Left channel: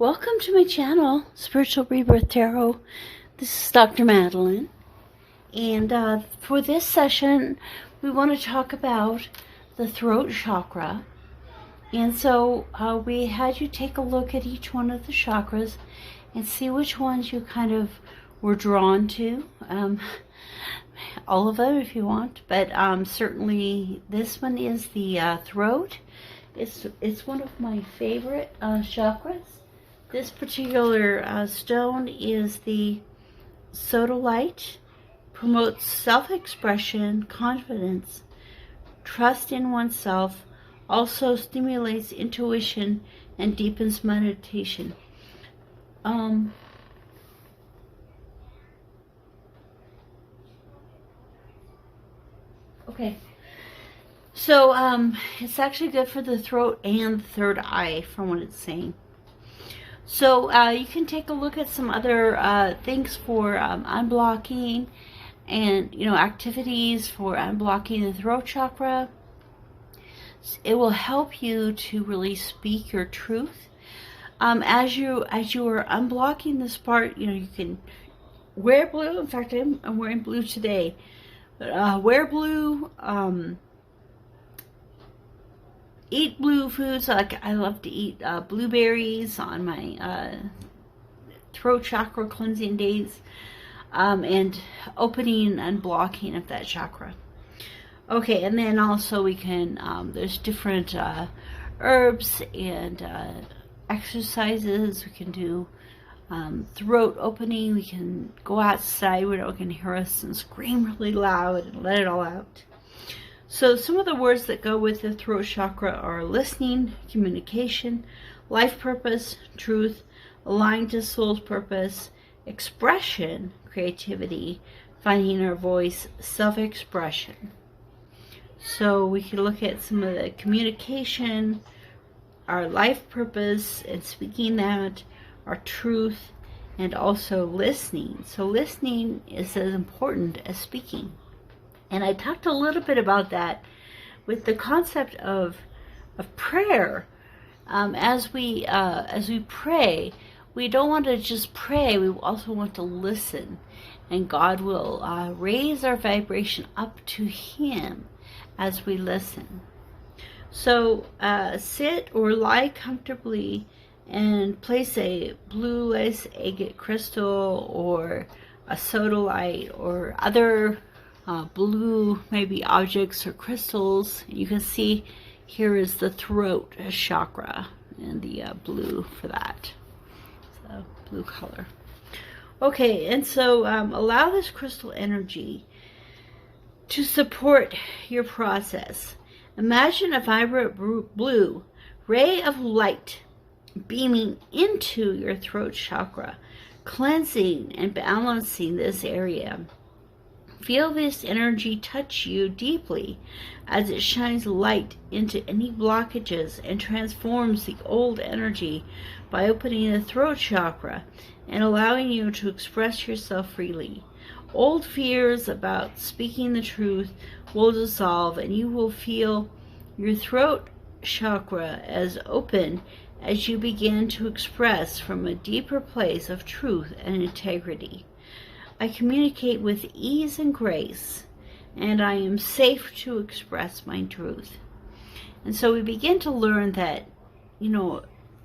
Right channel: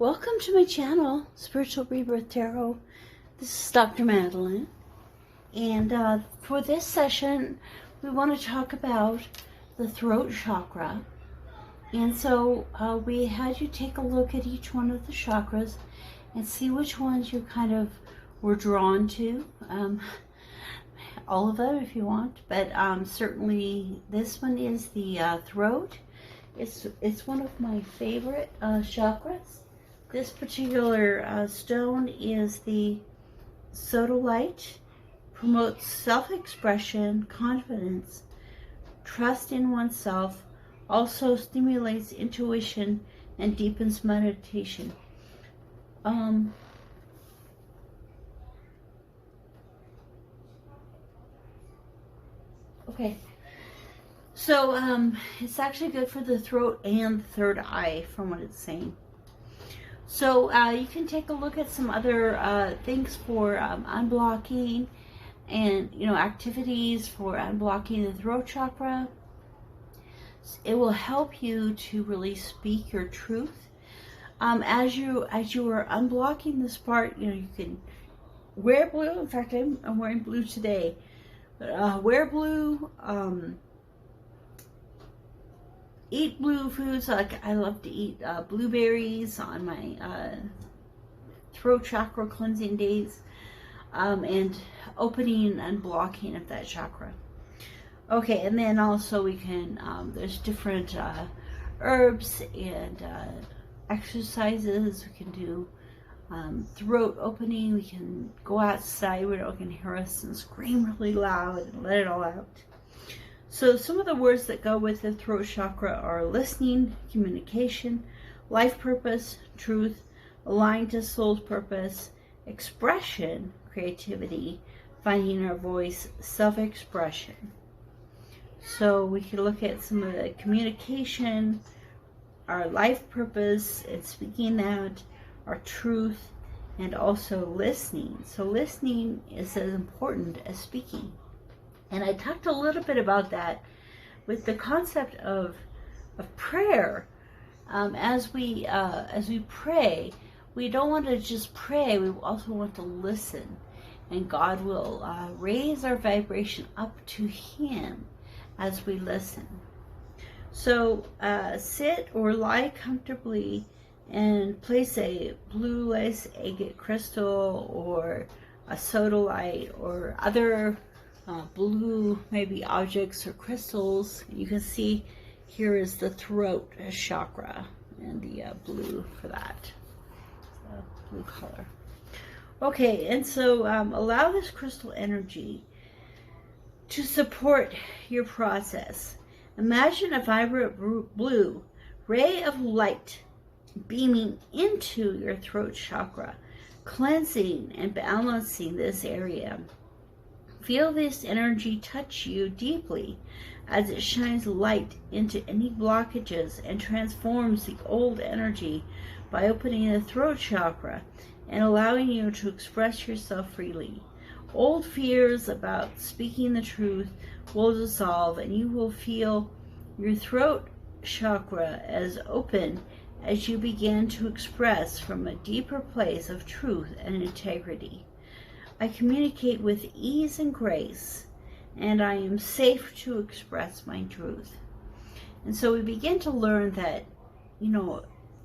Welcome to my channel, Spiritual Rebirth Tarot. This is Dr. Madelyn. And for this session, we want to talk about the throat chakra. And so we had you take a look at each one of the chakras and see which ones you kind of were drawn to. All of them if you want, but certainly this one is the throat. It's one of my favorite chakras. This particular stone is the sodalite. Promotes self-expression, confidence, trust in oneself, also stimulates intuition and deepens meditation. Okay, so it's actually good for the throat and the third eye from what it's saying. So you can take a look at some other things for unblocking and, activities for unblocking the throat chakra. It will help you to really speak your truth. As you are unblocking this part, you can wear blue. In fact, I'm wearing blue today. But wear blue. Eat blue foods. Like I love to eat blueberries on my throat chakra cleansing days. And opening and blocking of that chakra. Okay, and then also we can, there's different herbs and exercises. We can do throat opening. We can go outside where no one can hear us and scream really loud and let it all out. So some of the words that go with the throat chakra are listening, communication, life purpose, truth, aligned to soul's purpose, expression, creativity, finding our voice, self-expression. So we can look at some of the communication, our life purpose and speaking that, our truth, and also listening. So listening is as important as speaking. And I talked a little bit about that with the concept of prayer. As we pray, we don't want to just pray, we also want to listen. And God will raise our vibration up to Him as we listen. So sit or lie comfortably and place a blue lace agate crystal or a sodalite or other blue maybe objects or crystals. You can see here is the throat chakra and the blue for that. Blue color. Okay, and so allow this crystal energy to support your process. Imagine a vibrant blue ray of light beaming into your throat chakra, cleansing and balancing this area. Feel this energy touch you deeply as it shines light into any blockages and transforms the old energy by opening the throat chakra and allowing you to express yourself freely. Old fears about speaking the truth will dissolve and you will feel your throat chakra as open as you begin to express from a deeper place of truth and integrity. I communicate with ease and grace, and I am safe to express my truth. And so we begin to learn that,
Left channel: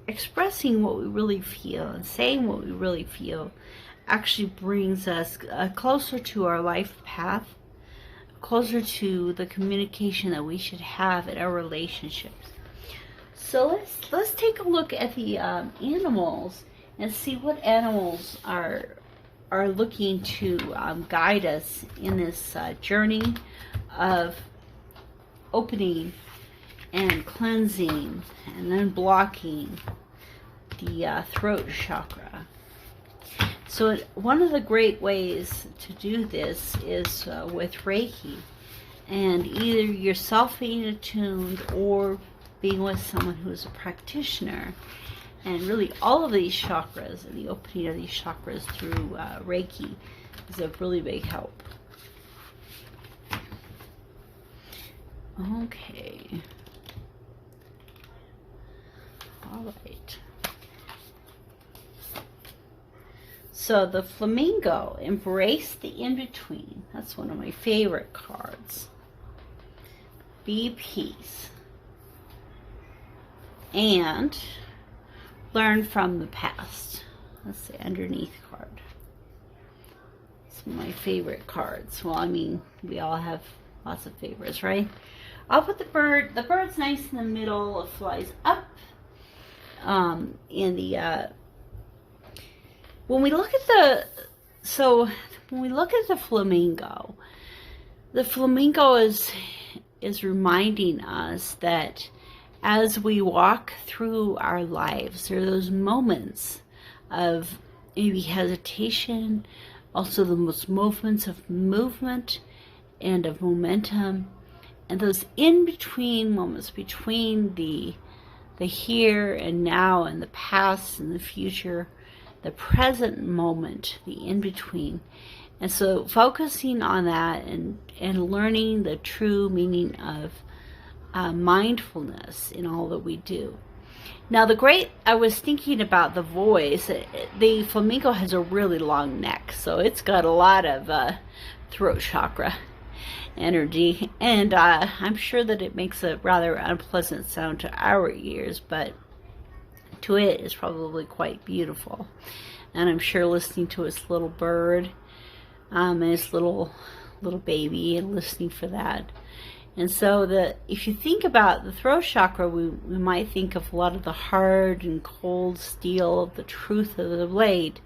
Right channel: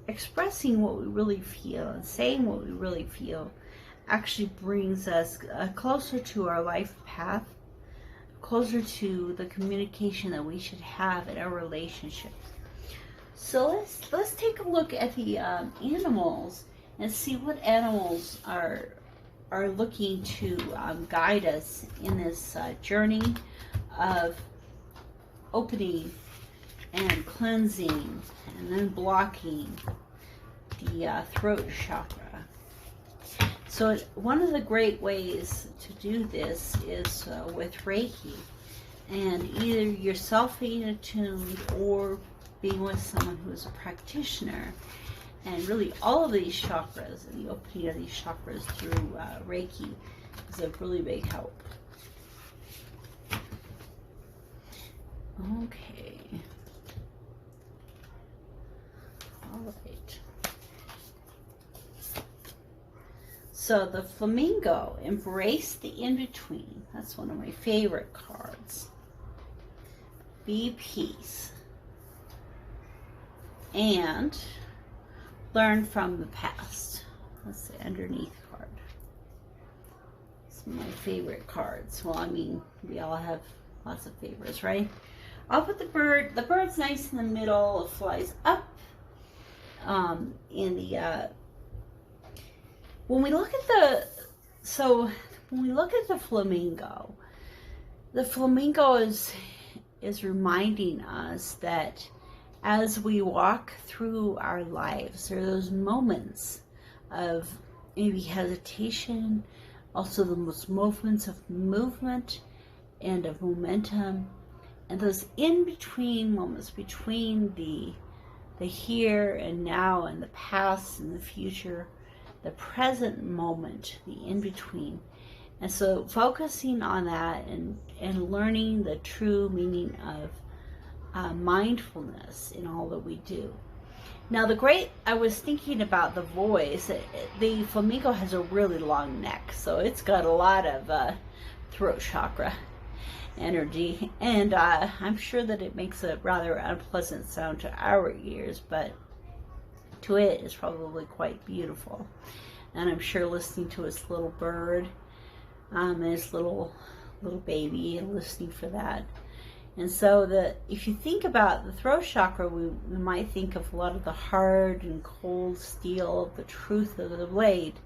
expressing what we really feel and saying what we really feel actually brings us closer to our life path, closer to the communication that we should have in our relationships. So let's take a look at the animals and see what animals are looking to guide us in this journey of opening and cleansing and then blocking the throat chakra. So one of the great ways to do this is with Reiki, and either yourself being attuned or being with someone who is a practitioner. And really all of these chakras and the opening of these chakras through Reiki is a really big help. Okay. All right. So the flamingo, embrace the in-between. That's one of my favorite cards. Be peace. And learn from the past. That's the underneath card. It's one of my favorite cards. Well, I mean, we all have lots of favorites, right? I'll put the bird. The bird's nice in the middle. It flies up. When we look at the flamingo is reminding us that as we walk through our lives, there are those moments of maybe hesitation, also those moments of movement and of momentum, and those in-between moments between the here and now and the past and the future, the present moment, the in-between. And so focusing on that and learning the true meaning of mindfulness in all that we do. Now I was thinking about the voice. The flamingo has a really long neck, so it's got a lot of throat chakra energy, and I'm sure that it makes a rather unpleasant sound to our ears, but to it is probably quite beautiful. And I'm sure listening to its little bird and its little baby, and listening for that. And so if you think about the throat chakra, we might think of a lot of the hard and cold steel of the truth of the blade,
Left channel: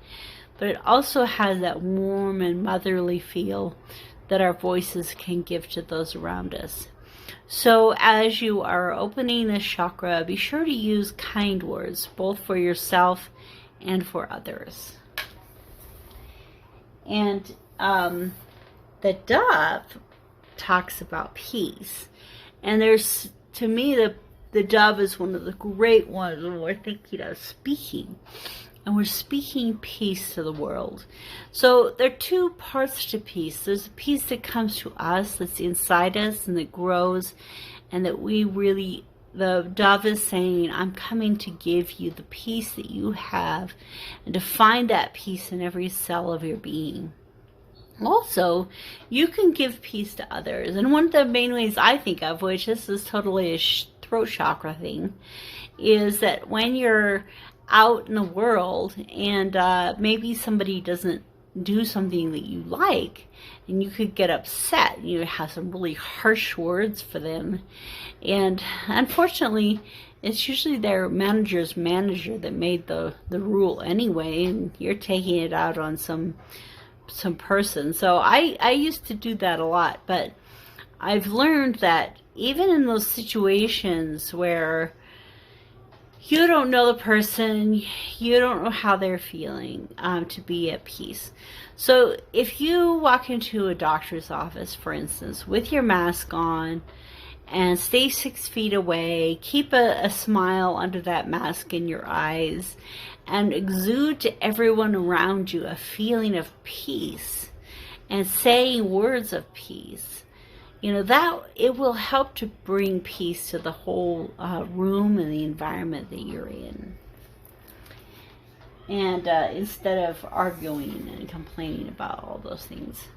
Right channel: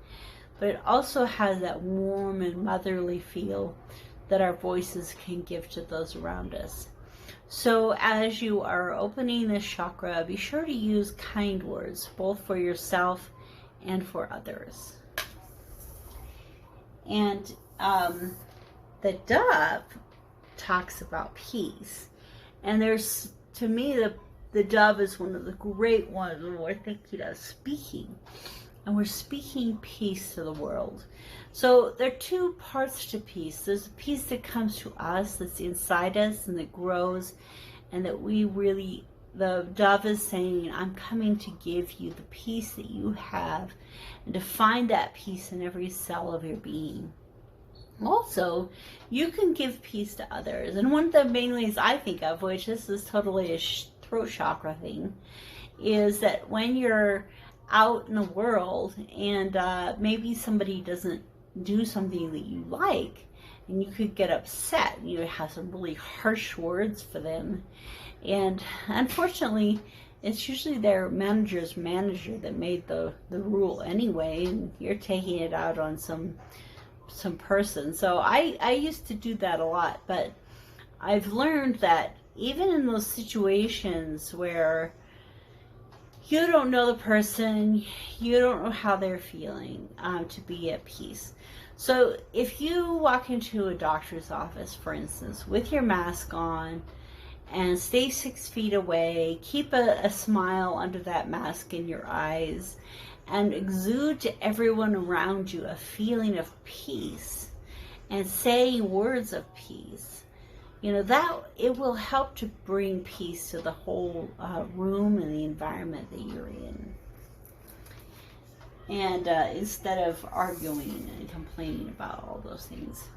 but it also has that warm and motherly feel that our voices can give to those around us. So as you are opening this chakra, be sure to use kind words, both for yourself and for others. And the dove talks about peace. And to me, the dove is one of the great ones when we're thinking of speaking. And we're speaking peace to the world. So there are two parts to peace. There's a peace that comes to us, that's inside us, and that grows, and that the dove is saying, I'm coming to give you the peace that you have, and to find that peace in every cell of your being. Also, you can give peace to others. And one of the main ways I think of, which this is totally a throat chakra thing, is that when you're out in the world and maybe somebody doesn't do something that you like, and you could get upset, you have some really harsh words for them, and unfortunately it's usually their manager's manager that made the rule anyway, and you're taking it out on some person. So I used to do that a lot, but I've learned that even in those situations where you don't know the person, you don't know how they're feeling, to be at peace. So if you walk into a doctor's office, for instance, with your mask on, and stay 6 feet away, keep a smile under that mask in your eyes, and exude to everyone around you a feeling of peace, and saying words of peace, that it will help to bring peace to the whole room and the environment that you're in. And instead of arguing and complaining about all those things.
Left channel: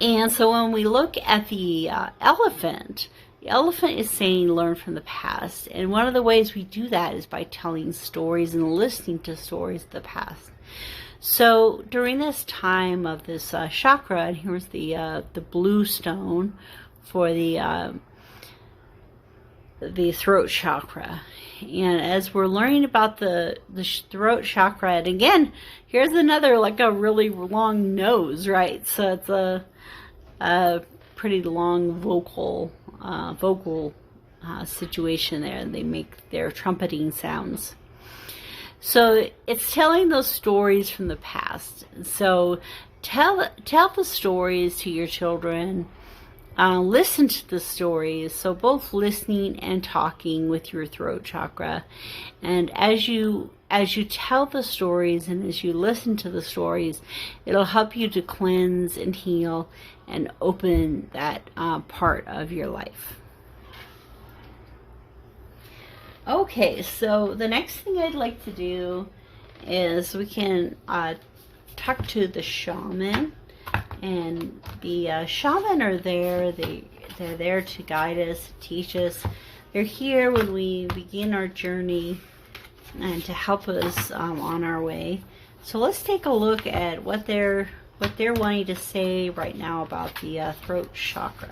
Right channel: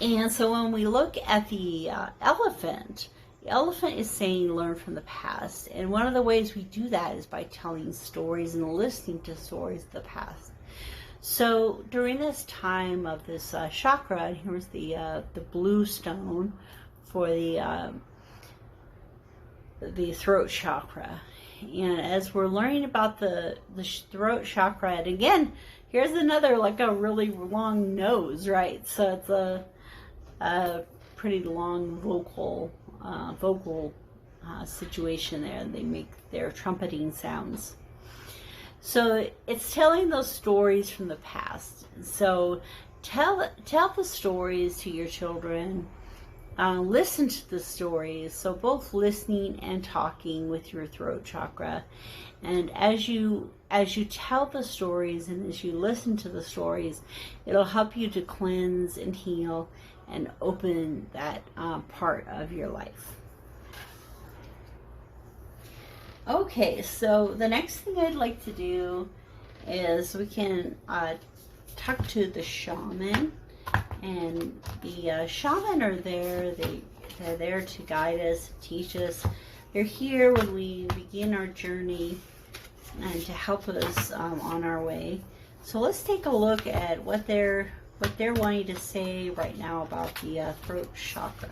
And so when we look at the elephant is saying learn from the past. And one of the ways we do that is by telling stories and listening to stories of the past. So during this time of this chakra, and here's the blue stone for the throat chakra. And as we're learning about the throat chakra, and again, here's another, like a really long nose, right? So it's a pretty long vocal situation there. They make their trumpeting sounds. So it's telling those stories from the past. So tell the stories to your children. Listen to the stories. So both listening and talking with your throat chakra. And as you tell the stories and as you listen to the stories, it'll help you to cleanse and heal and open that part of your life. Okay, so the next thing I'd like to do is we can talk to the shaman, and the shaman are there. They're there to guide us, teach us. They're here when we begin our journey and to help us on our way. So let's take a look at what they're wanting to say right now about the throat chakra.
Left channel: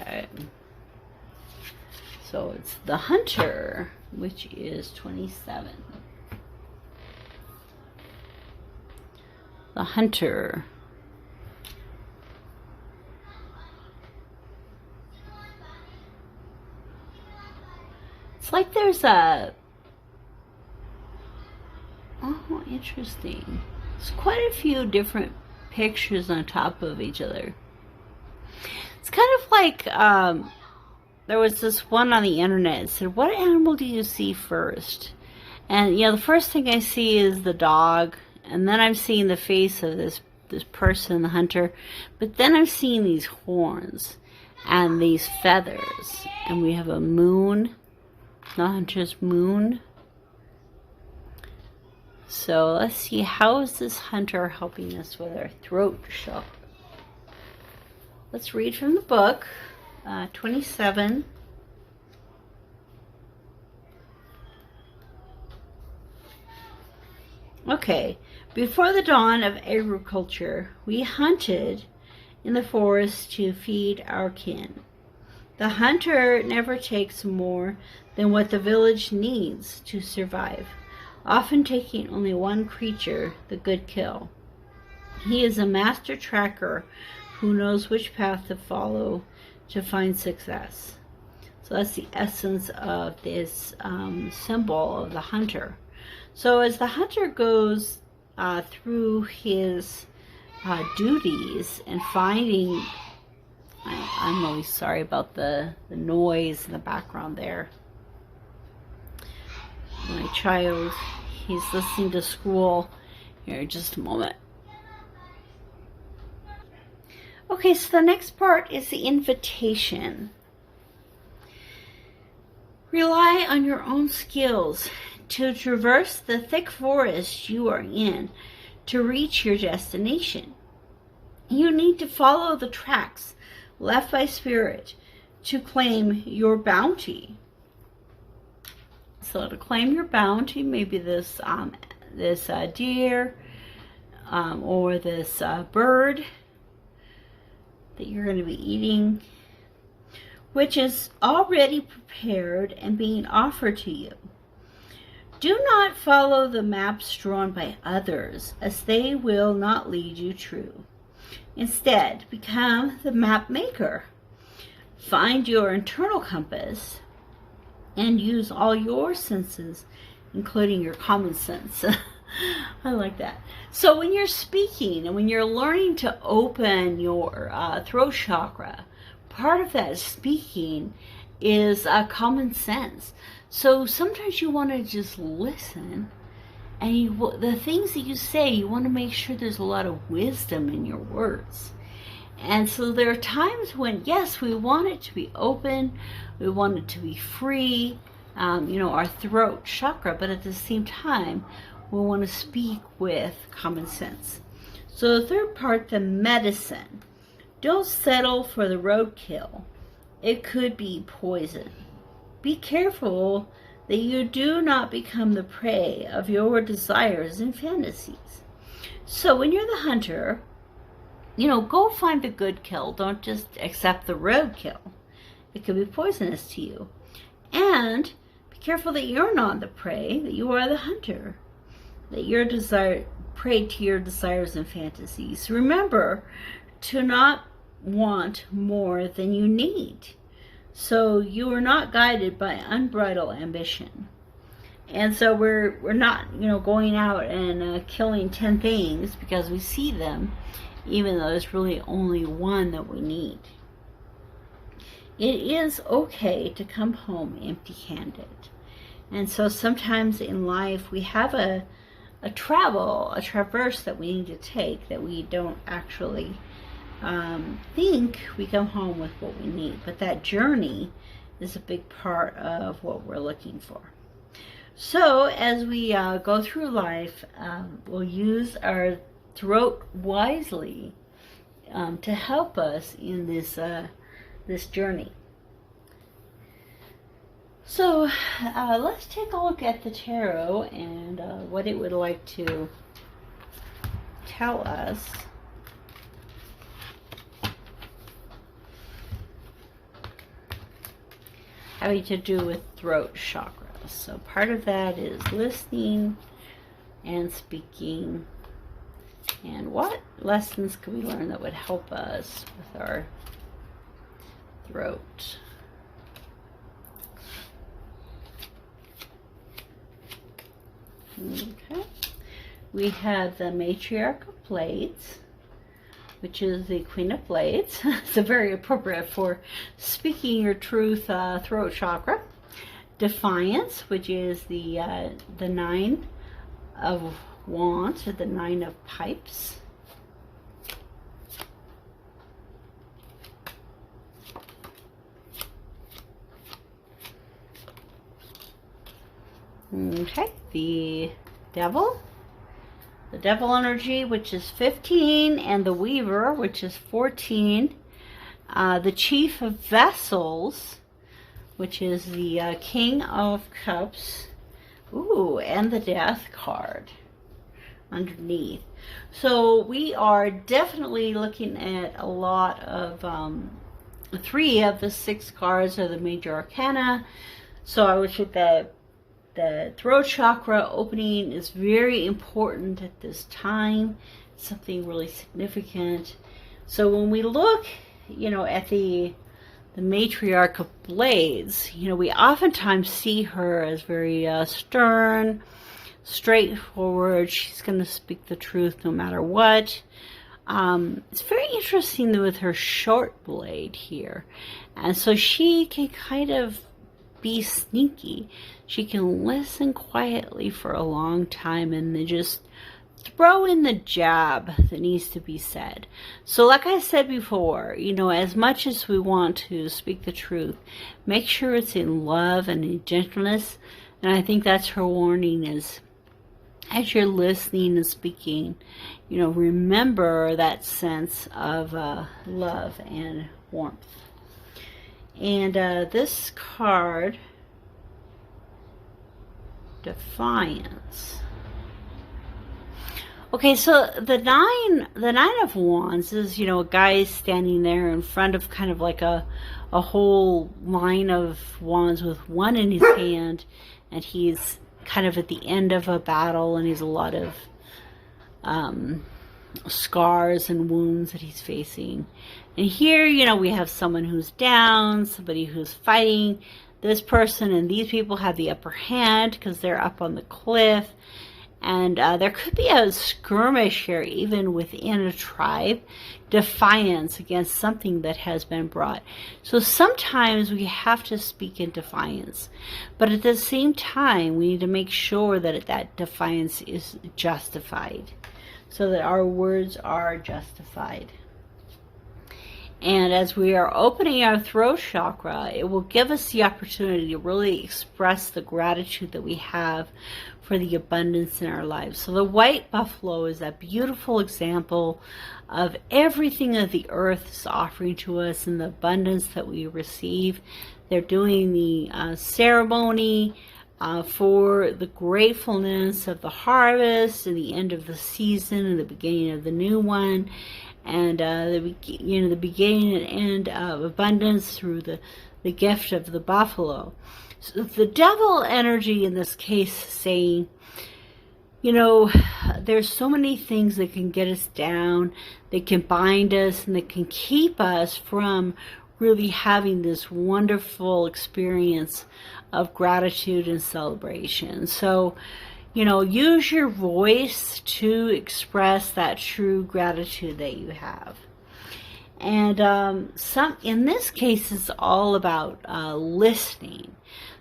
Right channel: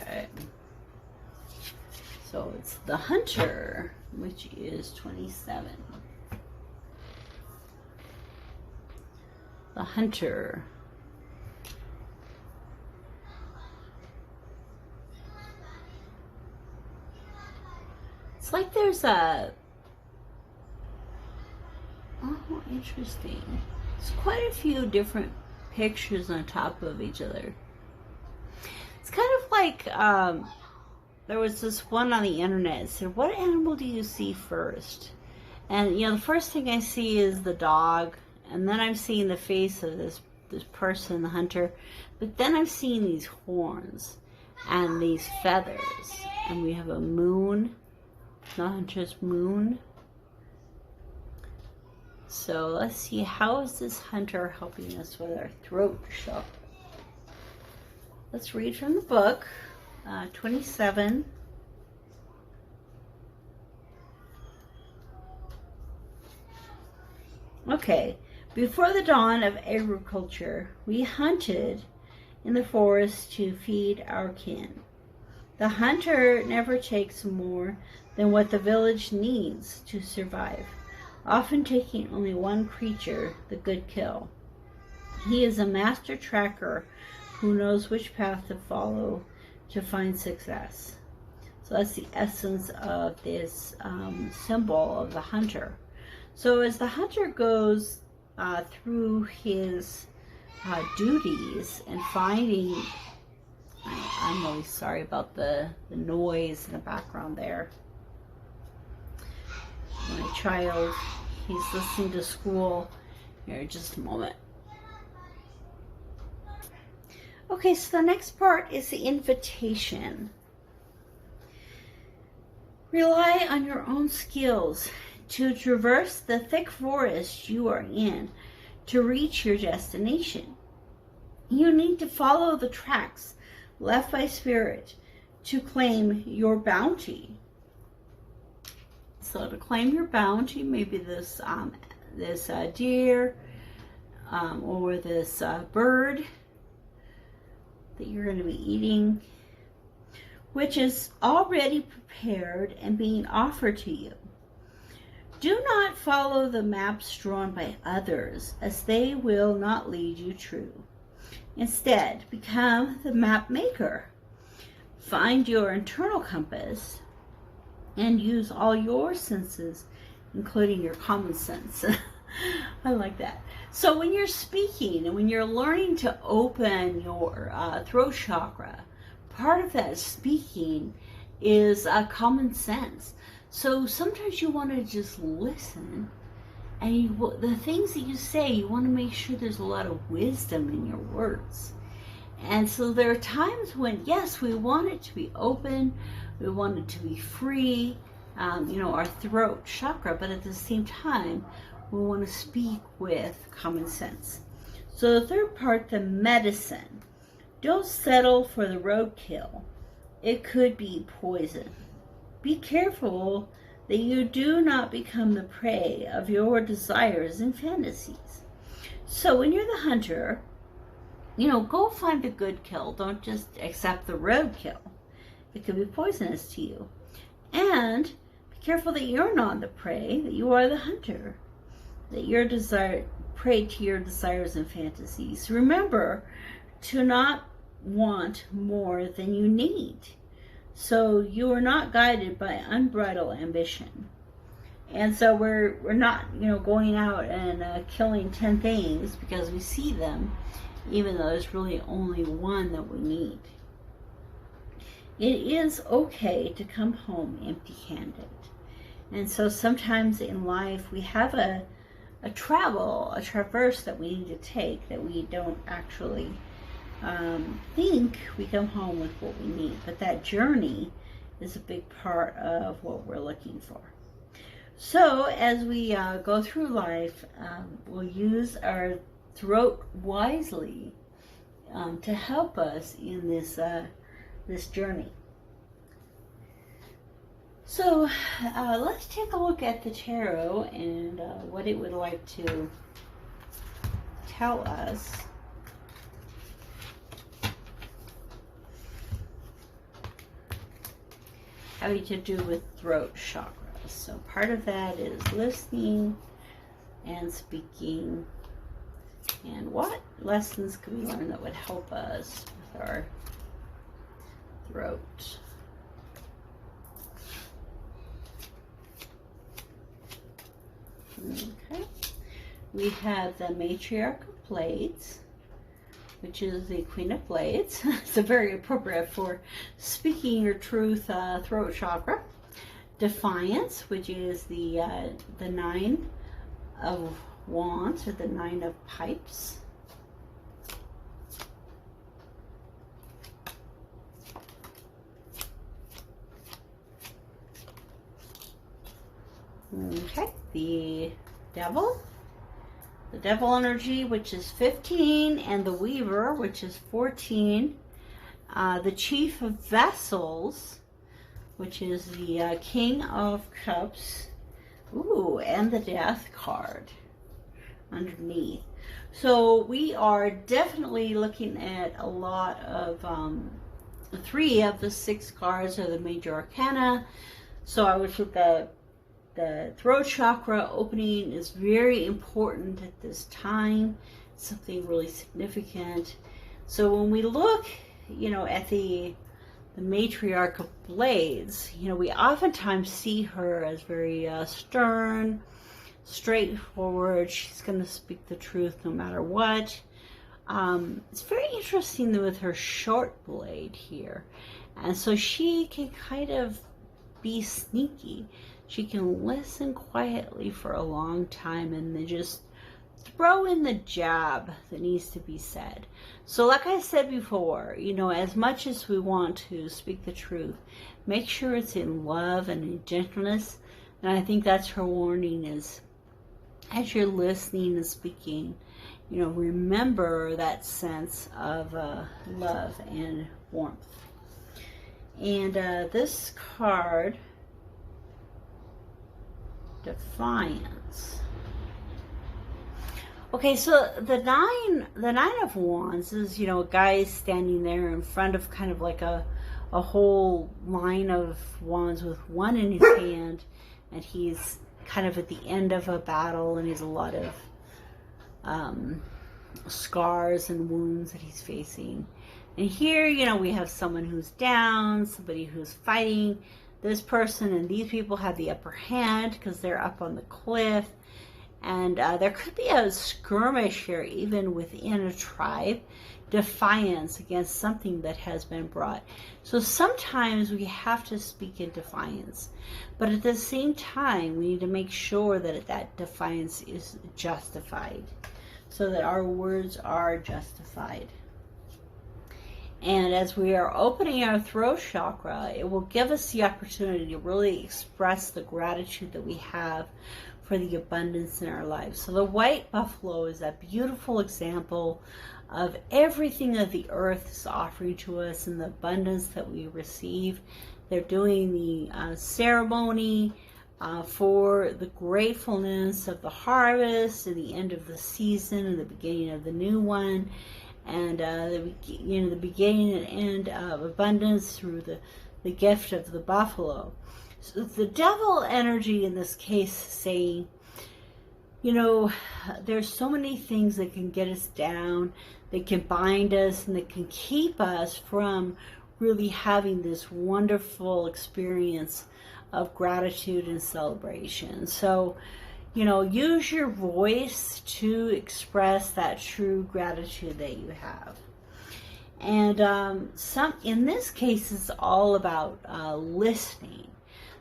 Okay. So it's the Hunter, which is 27. The Hunter. It's like there's a... Oh, interesting. There's quite a few different pictures on top of each other. It's kind of like... there was this one on the internet. It said, what animal do you see first? And, you know, the first thing I see is the dog. And then I'm seeing the face of this person, the hunter. But then I'm seeing these horns and these feathers. And we have a moon. The hunter's moon. So let's see, how is this hunter helping us with our throat chakra? Let's read from the book. 27. Okay. Before the dawn of agriculture, we hunted in the forest to feed our kin. The hunter never takes more than what the village needs to survive, often taking only one creature, the good kill. He is a master tracker who knows which path to follow to find success. So that's the essence of this symbol of the hunter. So as the hunter goes through his duties and finding, I'm really sorry about the noise in the background there. My child, he's listening to school. Here, in just a moment. Okay, so the next part is the invitation. Rely on your own skills to traverse the thick forest you are in to reach your destination. You need to follow the tracks left by spirit to claim your bounty. So to claim your bounty, maybe this deer or this bird that you're going to be eating, which is already prepared and being offered to you. Do not follow the maps drawn by others, as they will not lead you true. Instead, become the map maker. Find your internal compass and use all your senses, including your common sense. I like that. So when you're speaking and when you're learning to open your throat chakra, part of that speaking is common sense. So sometimes you want to just listen, and the things that you say, you want to make sure there's a lot of wisdom in your words. And so there are times when, yes, we want it to be open, we want it to be free, our throat chakra, but at the same time, we want to speak with common sense. So the third part, the medicine. Don't settle for the roadkill. It could be poison. Be careful that you do not become the prey of your desires and fantasies. So when you're the hunter, go find the good kill. Don't just accept the roadkill. It could be poisonous to you. And be careful that you're not the prey, that you are the hunter. That your prey to your desires and fantasies. Remember to not want more than you need. So you are not guided by unbridled ambition. And so we're not, going out and killing 10 things because we see them, even though there's really only one that we need. It is okay to come home empty-handed. And so sometimes in life we have a traverse that we need to take that we don't actually think we come home with what we need, but that journey is a big part of what we're looking for. So as we go through life, we'll use our throat wisely to help us in this journey. So let's take a look at the tarot and what it would like to tell us. Having to do with throat chakra. So part of that is listening and speaking. And what lessons can we learn that would help us with our throat? Okay. We have the Matriarch of Blades, which is the Queen of Blades. So very appropriate for speaking your truth, throat chakra. Defiance, which is the Nine of Wands, or the Nine of Pipes. Okay, the Devil. The Devil energy, which is 15, and the Weaver, which is 14. The Chief of Vessels, which is the King of Cups. Ooh, and the Death card underneath. So we are definitely looking at a lot of 3 of the 6 cards are the major arcana. So I would say that the throat chakra opening is very important at this time, something really significant. So when we look, you know, at the Matriarch of Blades, you know, we oftentimes see her as very stern, straightforward. She's going to speak the truth no matter what. It's very interesting with her short blade here. And so she can kind of be sneaky. She can listen quietly for a long time and then just throw in the jab that needs to be said. So like I said before, you know, as much as we want to speak the truth, make sure it's in love and in gentleness. And I think that's her warning, is as you're listening and speaking, you know, remember that sense of love and warmth. And this card, Defiance. Okay, so the nine of Wands is, you know, a guy standing there in front of kind of like a whole line of wands with one in his hand, and he's kind of at the end of a battle, and he's a lot of scars and wounds that he's facing. And here, you know, we have someone who's down, somebody who's fighting. This person and these people have the upper hand because they're up on the cliff. And there could be a skirmish here, even within a tribe. Defiance against something that has been brought. So sometimes we have to speak in defiance. But at the same time, we need to make sure that that defiance is justified. So that our words are justified. And as we are opening our throat chakra, it will give us the opportunity to really express the gratitude that we have for the abundance in our lives. So the white buffalo is a beautiful example of everything that the earth is offering to us and the abundance that we receive. They're doing the ceremony for the gratefulness of the harvest and the end of the season and the beginning of the new one. And the beginning and end of abundance through the gift of the buffalo. So the devil energy in this case saying, you know, there's so many things that can get us down, that can bind us, and that can keep us from really having this wonderful experience of gratitude and celebration. So, you know, use your voice to express that true gratitude that you have. And in this case, it's all about listening.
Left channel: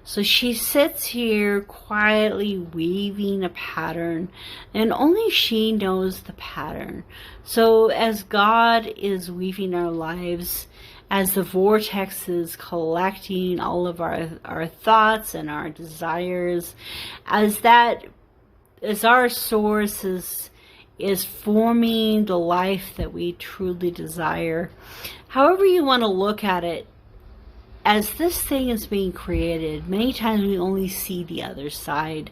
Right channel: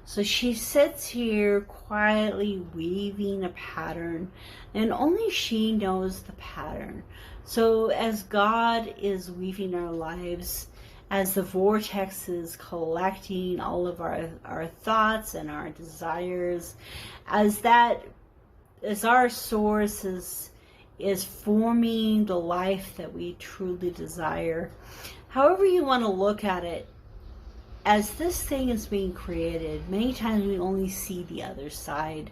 So she sits here quietly weaving a pattern, and only she knows the pattern. So as God is weaving our lives, as the vortex is collecting all of our thoughts and our desires, as our source is forming the life that we truly desire, however you want to look at it, as this thing is being created, many times we only see the other side.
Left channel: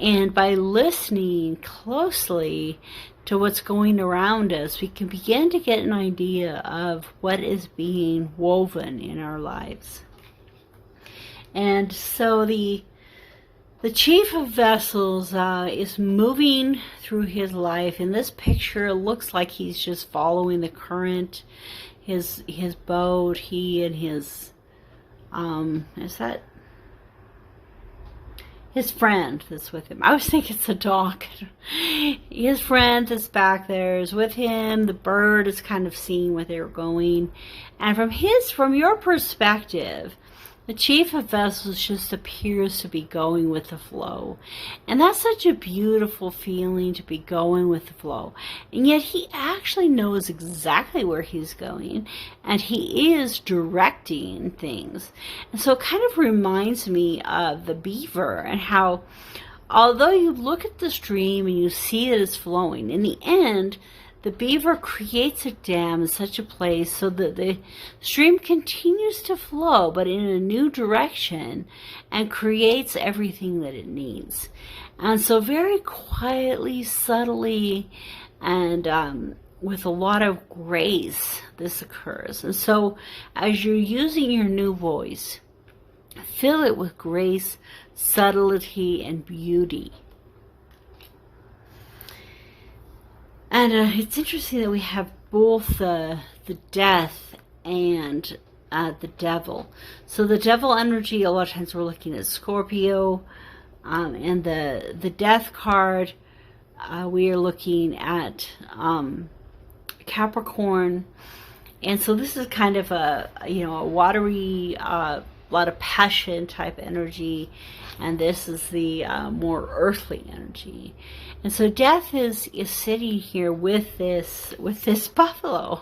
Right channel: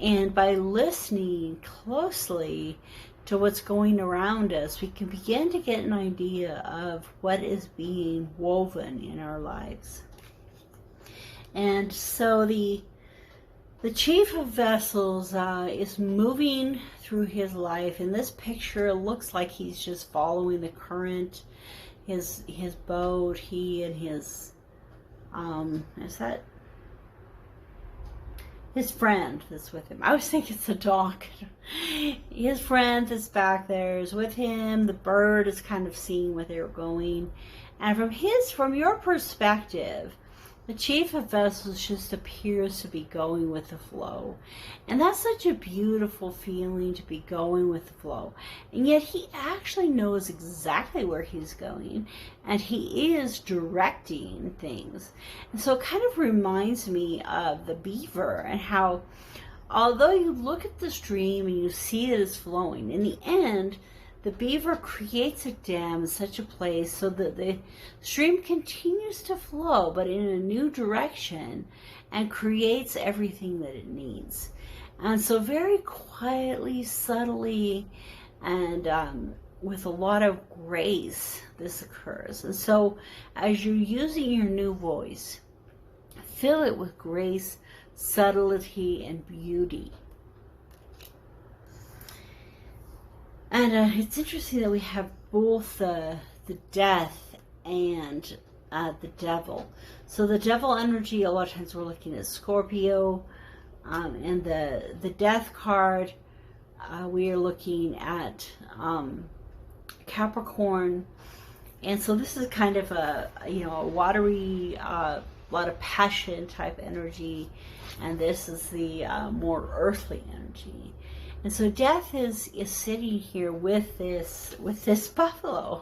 And by listening closely to what's going around us, we can begin to get an idea of what is being woven in our lives. And so the Chief of Vessels is moving through his life. In this picture, it looks like he's just following the current. His boat, he and his is that his friend that's with him? I was thinking it's a dog. His friend that's back there is with him. The bird is kind of seeing where they're going. And from your perspective, the Chief of Vessels just appears to be going with the flow. And that's such a beautiful feeling, to be going with the flow. And yet he actually knows exactly where he's going, and he is directing things. And so it kind of reminds me of the beaver, and how although you look at the stream and you see that it's flowing, in the end, the beaver creates a dam in such a place so that the stream continues to flow, but in a new direction, and creates everything that it needs. And so very quietly, subtly, and with a lot of grace, this occurs. And so as you're using your new voice, fill it with grace, subtlety, and beauty. And it's interesting that we have both the death and the devil. So the devil energy, a lot of times we're looking at Scorpio, and the death card, we are looking at Capricorn. And so this is kind of a watery, lot of passion type energy, and this is the more earthly energy. And so death is sitting here with this buffalo.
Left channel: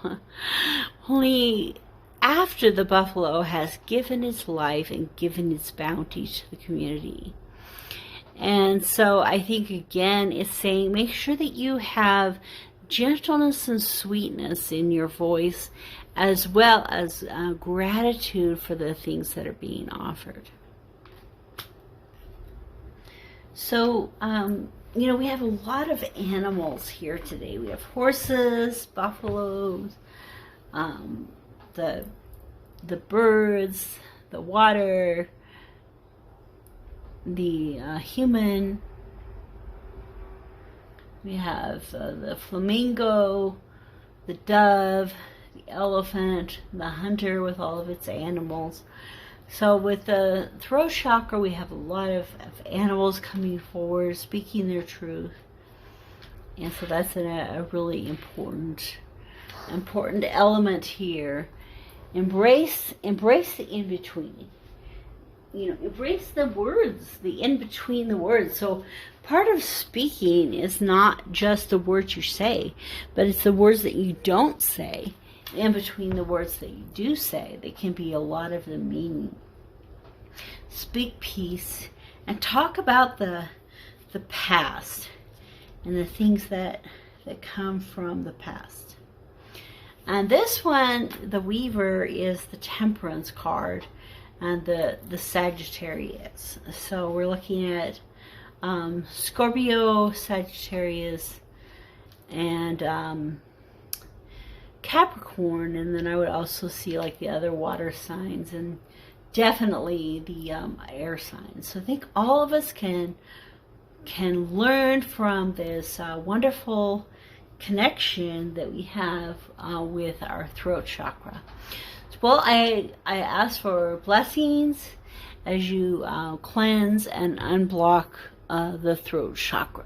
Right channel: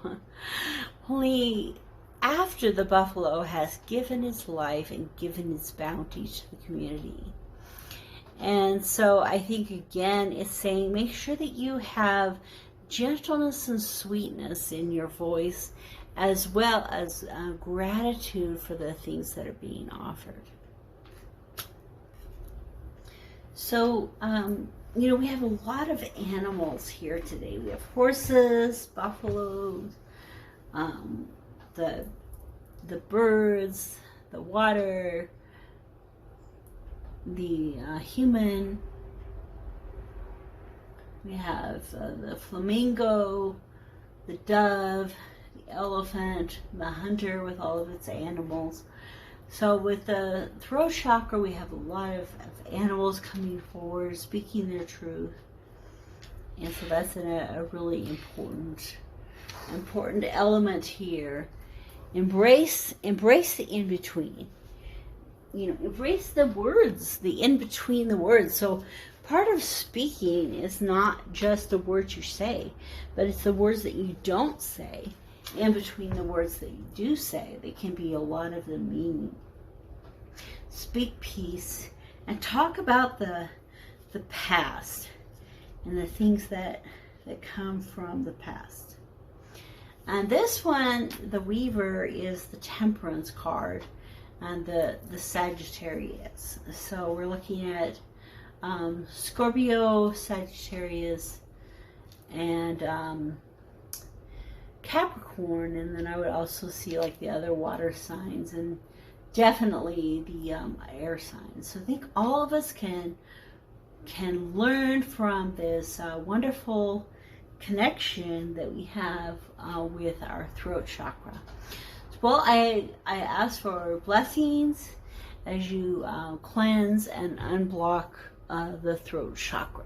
Only after the buffalo has given its life and given its bounty to the community. And so I think, again, it's saying make sure that you have gentleness and sweetness in your voice, as well as gratitude for the things that are being offered. So, we have a lot of animals here today. We have horses, buffaloes, the birds, the water, the human. We have the flamingo, the dove, the elephant, the hunter with all of its animals. So with the throat chakra, we have a lot of animals coming forward, speaking their truth. And so that's a really important element here. Embrace the in-between. Embrace the words, the in-between the words. So part of speaking is not just the words you say, but it's the words that you don't say. In between the words that you do say, there can be a lot of the meaning. Speak peace and talk about the past and the things that come from the past. And this one, the Weaver, is the Temperance card, and the Sagittarius. So we're looking at Scorpio, Sagittarius, and Capricorn, and then I would also see like the other water signs, and definitely the air signs. So I think all of us can learn from this wonderful connection that we have with our throat chakra. Well, I ask for blessings as you cleanse and unblock the throat chakra.